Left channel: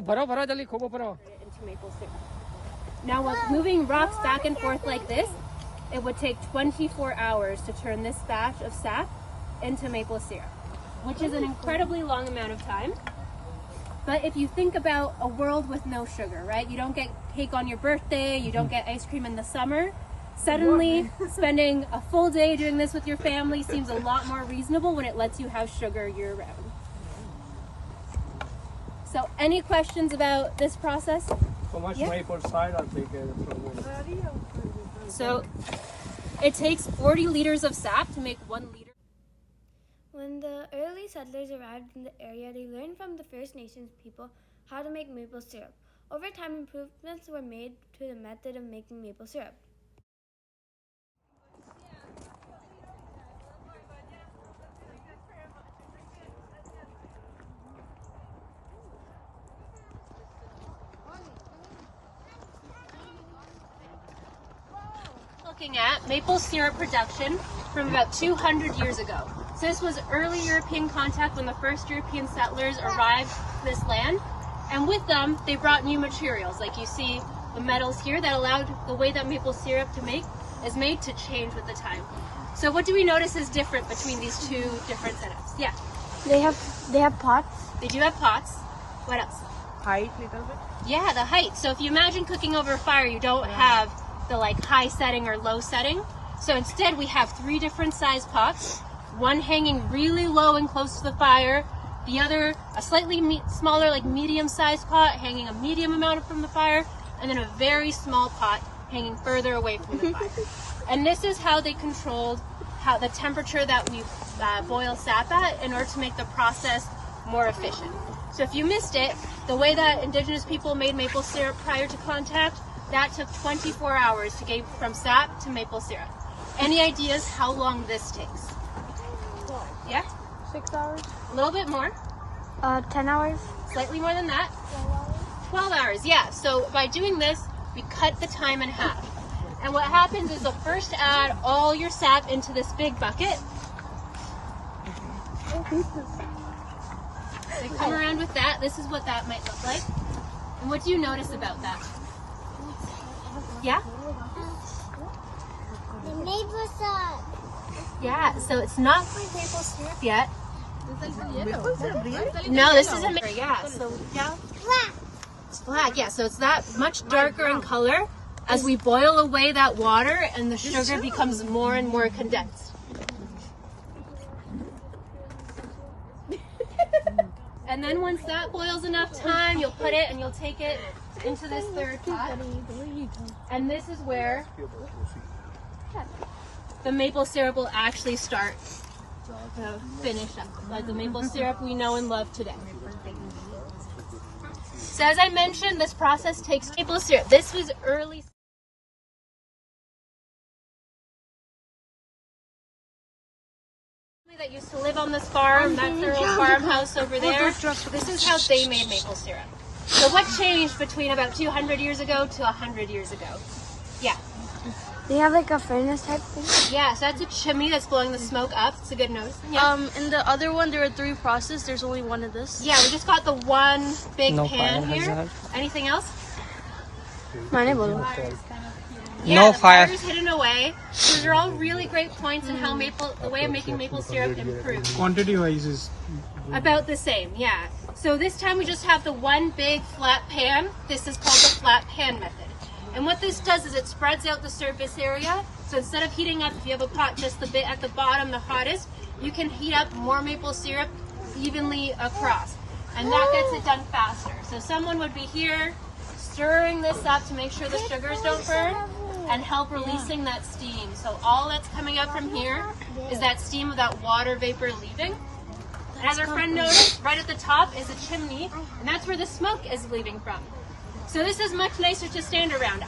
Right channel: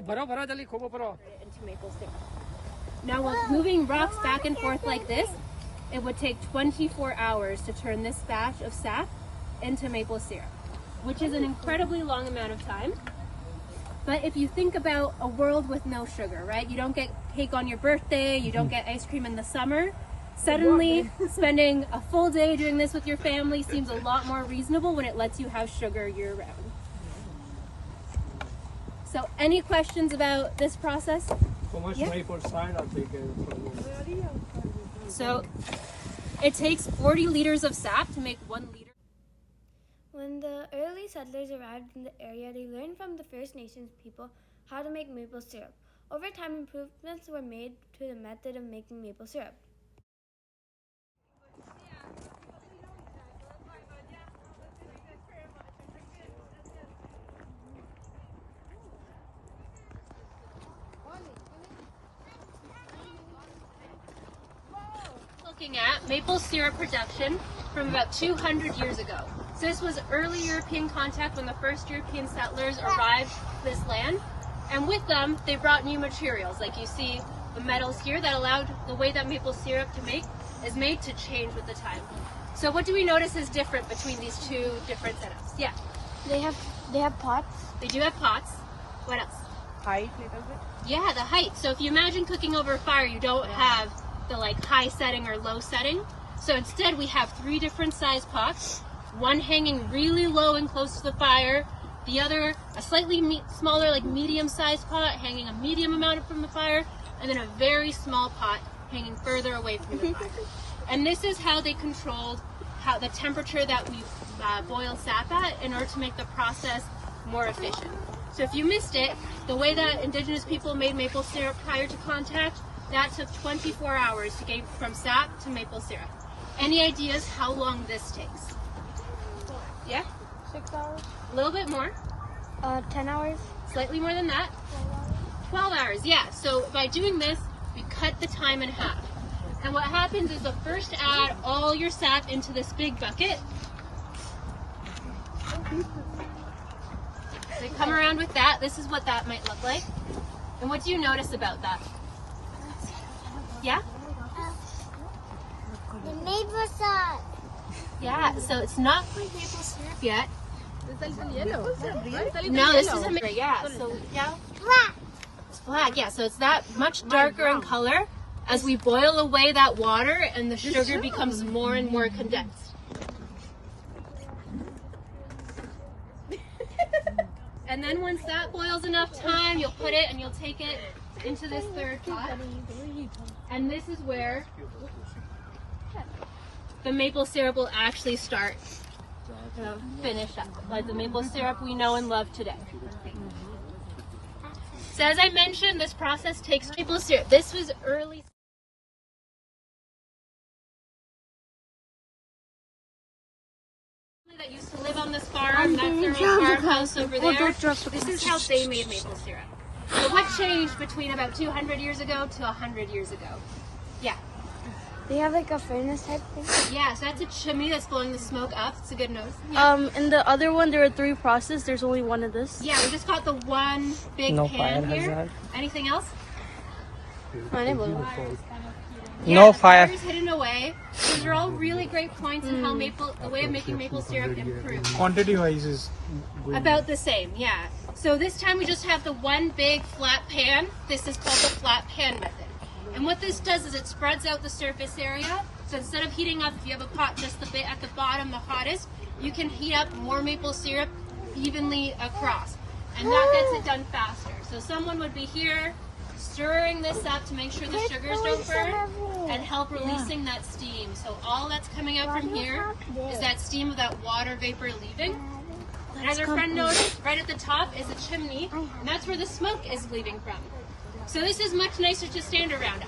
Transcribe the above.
into maple syrup. Now, while moving rocks back and forth like this, it would take 24 hours to turn this batch of sap into maple syrup, which is an incredibly long amount of time. But if you think about a world with no sugar, right? You don't get cake on your birthday, you don't get ice cream in the summer. Suddenly, spending a full day doing this with your family seems a lot more reasonable when it lets you have sugar year-round. So, any questions about this process? So much maple syrup they get from this. So, it takes 40 liters of sap to make 1 liter. When the early settlers arrived in the area, they learned from the First Nations people how to make maple syrup. Over time, improvements were made to the method of making maple syrup. Looking at maple syrup production from about 200 years ago. So this was early European contact when the first European settlers arrived to this land, and with them they brought new materials, like you see the metals here that allowed the way that maple syrup is made to change with the time. So what do we notice is different between these two different setups? Yeah. They have pots. They do have pots. What else? Height. Yeah, the height. So if you imagine cooking over a fire, you don't have the like high setting or low setting. So instead we have 3 different size pots, one hanging really low and close to the fire, the other a slightly smaller like medium sized pot hanging a medium amount from the fire, and then a very small pot hanging further away from the fire. And this is how they controlled the temperature that we boil sap at in order to make the process more efficient. So if you missed it, the way that Indigenous people made maple syrup prior to contact, that took 24 hours to get from sap to maple syrup. Any ideas how long this takes? Yeah? 6 hours. A little bit more. 10 hours. Slightly more than that. 12 hours, yeah. So by doing this, we cut the time in half. And what happens is you'll first add all your sap into this big bucket. So you come around with that. This is what that might look like. And what do you notice about that? Yeah? Maple syrup. Yeah, so it's not quite maple syrup yet. No, this isn't. Yeah, so yeah. It's black, yeah, so it's that much darker in color as we boil away that water and the sugar becomes more and more condensed. And then once that boils enough time, you'll put it and you'll take it into this third pot. And this is where the maple syrup will actually start to finish up, like the maple syrup we know and love today. So as I mentioned, this process takes maple syrup. This was early. That used to live on this farm, that's their old farmhouse over there. This is how they made maple syrup. So what changed between about 200 years ago to 100 years ago? Yeah. They have like a furnace type thing. Yeah, so that's a chimney that's blowing the smoke up. It's a good notice. Yeah. And the other one, there are 3 processes. There's only one of this. Yeah, we just got the one big pan here. Anything else? Yeah, No the fire. fire's hidden away. These are all really great points in how the way of making maple syrup improves. Quantity wise is About the same, yeah. So this time we just have the one big flat pan. This is called the flat pan method. And what this does is it spreads out the surface area. So instead of heating up, if you have a pot just the bit at the bottom, the hottest, you can heat up more maple syrup evenly across. And that gets it done faster. So someone would be here stirring this up to make sure the sugars don't burn and help releasing that steam. So all that's coming out from here is that steam of that water vapor leaving. And as our friend noticed, right at the top is a chimney, and that's where the smoke is leaving from. So this is much nicer to stand around.